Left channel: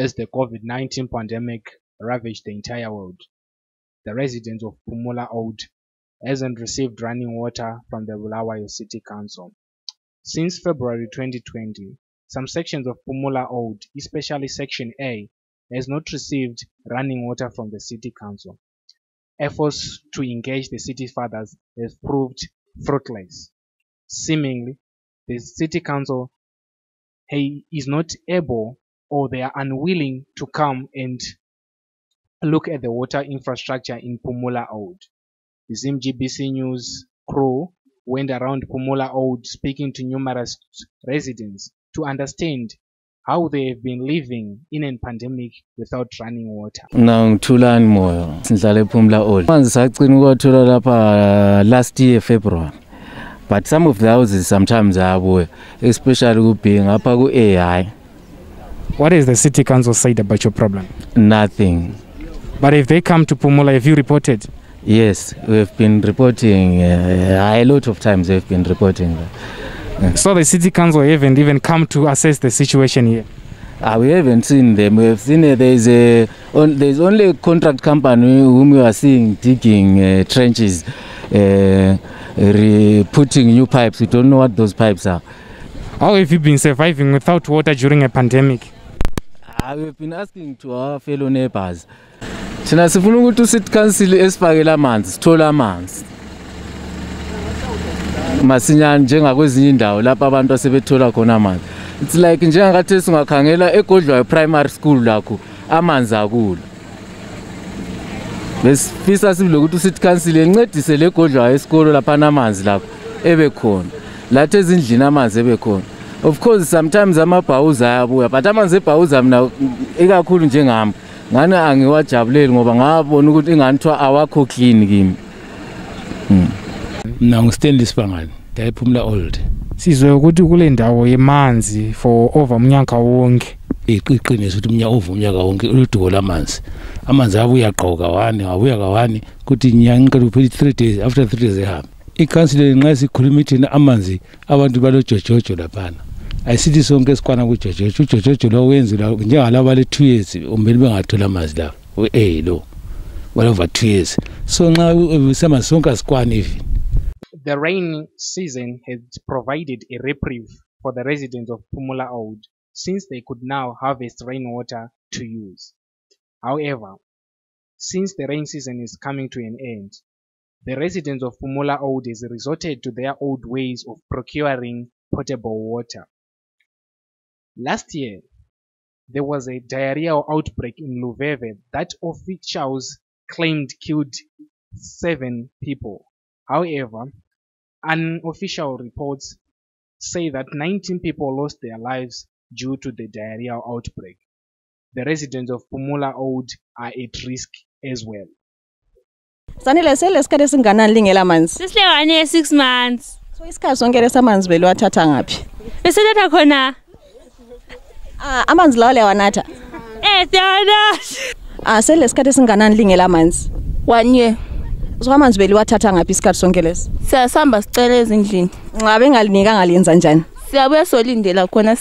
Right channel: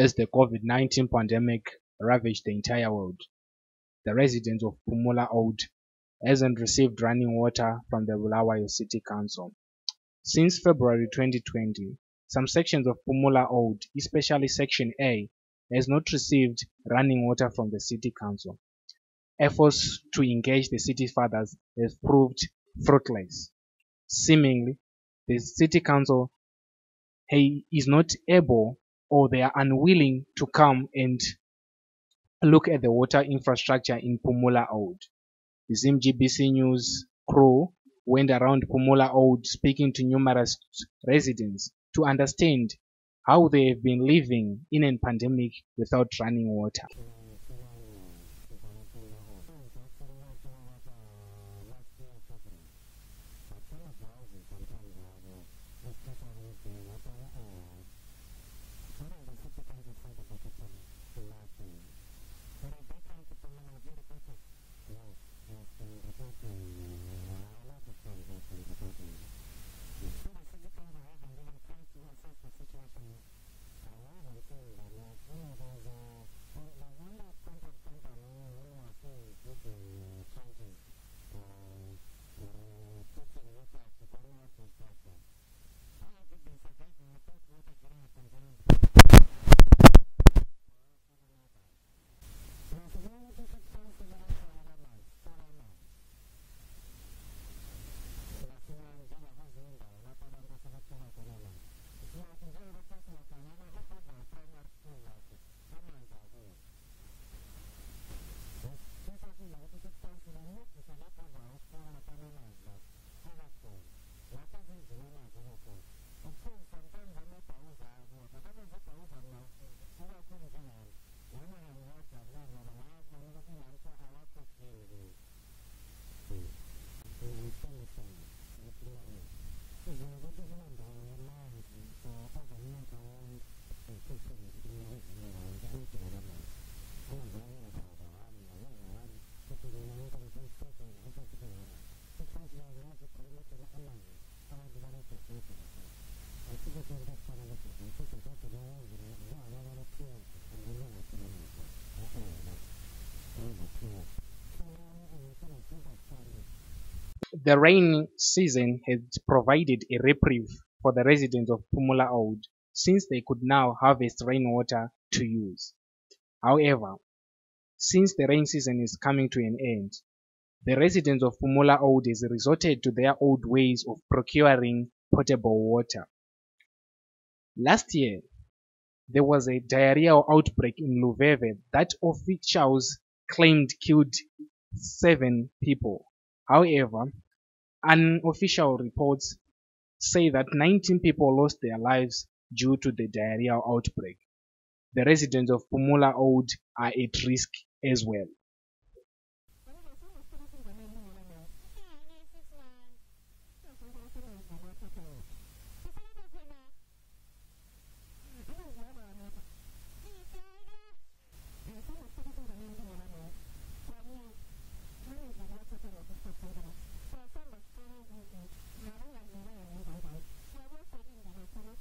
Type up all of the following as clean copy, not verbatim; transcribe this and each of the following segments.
as the COVID-19 pandemic ravaged the entire world. The residents of Pumula Old hasn't received running water from the Bulawayo City Council. Since February 2020, some sections of Pumula Old, especially Section A, has not received running water from the City Council. Efforts to engage the city fathers have proved fruitless. Seemingly, the City Council is not able, or they are unwilling to come and look at the water infrastructure in Pumula Old. The GBC News crew went around Pumula Old speaking to numerous residents to understand how they have been living in a pandemic without running water. Ngithulani moyo sihlala ePhumula Old. Manzi sacina ukwathola lapha last year February. But some of the houses sometimes are, especially being up to AI. What has the City Council said about your problem? Nothing. But if they come to Pumula, have you reported? Yes, we've been reporting. A lot of times we've been reporting. So the City Council haven't even come to assess the situation here? We haven't seen them. We've seen there's only a contract company whom we are seeing digging trenches, putting new pipes. We don't know what those pipes are. How have you been surviving without water during a pandemic? We've been asking to our fellow neighbors. Thina sifuna ukuthi uCity Council esifakela amanzi, sithola amanzi. Masinyane njengakwezinye indawo lapha abantu asebethola khona amanzi. It's like njengakathi singakhangela eGodlwayo primary school lakho amanzi akula. Besifisa silokuthi uCity Council encedise le Godlwayo esikolo lapha namanzi lakho ebekhona. Lathi ezindlini amanzi ebekhona. Of course sometimes amabhawuza ayabuya, but amanzi ebhawuza mina ekakhulu njengami ngani angiwajabuleli ngoba ngabona ukuthi inganthiwa awakho clean kimi. Mina ngiStanley Sibangani, ePhumula Old. Sizwe ukuthi kule ndawo yemanzi for over umnyaka wonke. Iqiniso ukuthi umnyaka wonke uluduko lamanzi. Amanzi abuya aqoka wani, abuya kawani kuthi nyanga ngicela uphele 3 days, after 3 days ehamba. ICouncil nxa sikhuluma ithina amanzi abantu balojojojo laphana. Ayisithi sonke sikwana kujojojo. Ujojojo lo wenzela njengalabo le 2 years umbeni bengathola amanzi la. Lo. Well over 2 years. So nxa sema sonke sikwana even. The rain season has provided a reprieve for the residents of Pumula Old since they could now harvest rainwater to use. However, since the rain season is coming to an end, the residents of Pumula Old has resorted to their old ways of procuring potable water. Last year, there was a diarrhea outbreak in Luveve that officials claimed killed 7 people. However, unofficial reports say that 19 people lost their lives due to the diarrhea outbreak. The residents of Pumula Old are at risk as well. Sanile selesikade singanani lingela amanzi? Sihlekane 6 months. So isikhathi sonke lesamanzi beliwathatha ngaphi? Beseletha khona. Amanzi lawo lewanatha? Siyawanatha. Selesikade singanani lingela amanzi? 1 year. So amanzi beliwathatha ngaphi isikhathi sonke lesi? Siyasamba sicela ezindlini. Ngabe ngalinika ngaliyenza njani? Siyabuya solindela khona.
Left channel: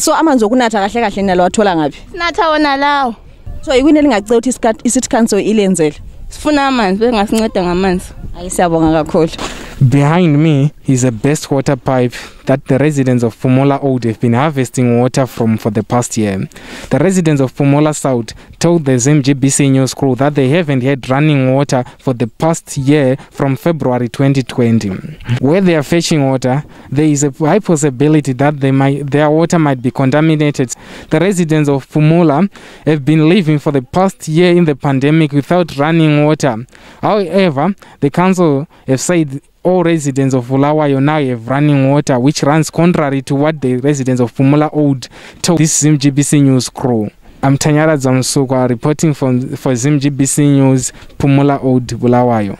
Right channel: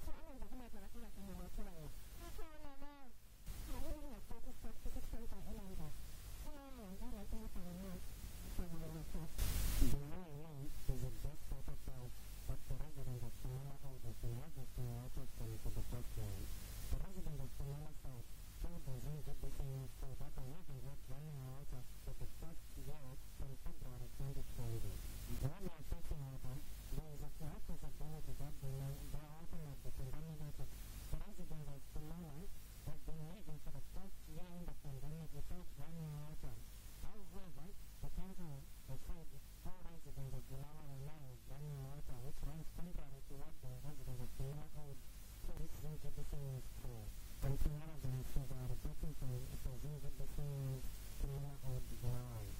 So amanzi okunatha kahle kahle nalo wathola ngaphi? Sinatha wona lawo. So ikwini elingacela ukuthi iCity Council ilenzele? Sifuna amanzi bengasinceda ngamanzi. Siyabonga kakhulu. Behind me is a best water pipe that the residents of Pumula Old have been harvesting water from for the past year. The residents of Pumula South told the GBC News crew that they haven't had running water for the past year from February 2020. Where they are fetching water, there is a high possibility that their water might be contaminated. The residents of Pumula have been living for the past year in the pandemic without running water. However, the council have said all residents of Bulawayo now have running water, which runs contrary to what the residents of Pumula Old told this GBC News crew. I'm Tanyara Zamsukwa reporting for GBC News, Pumula Old, Bulawayo.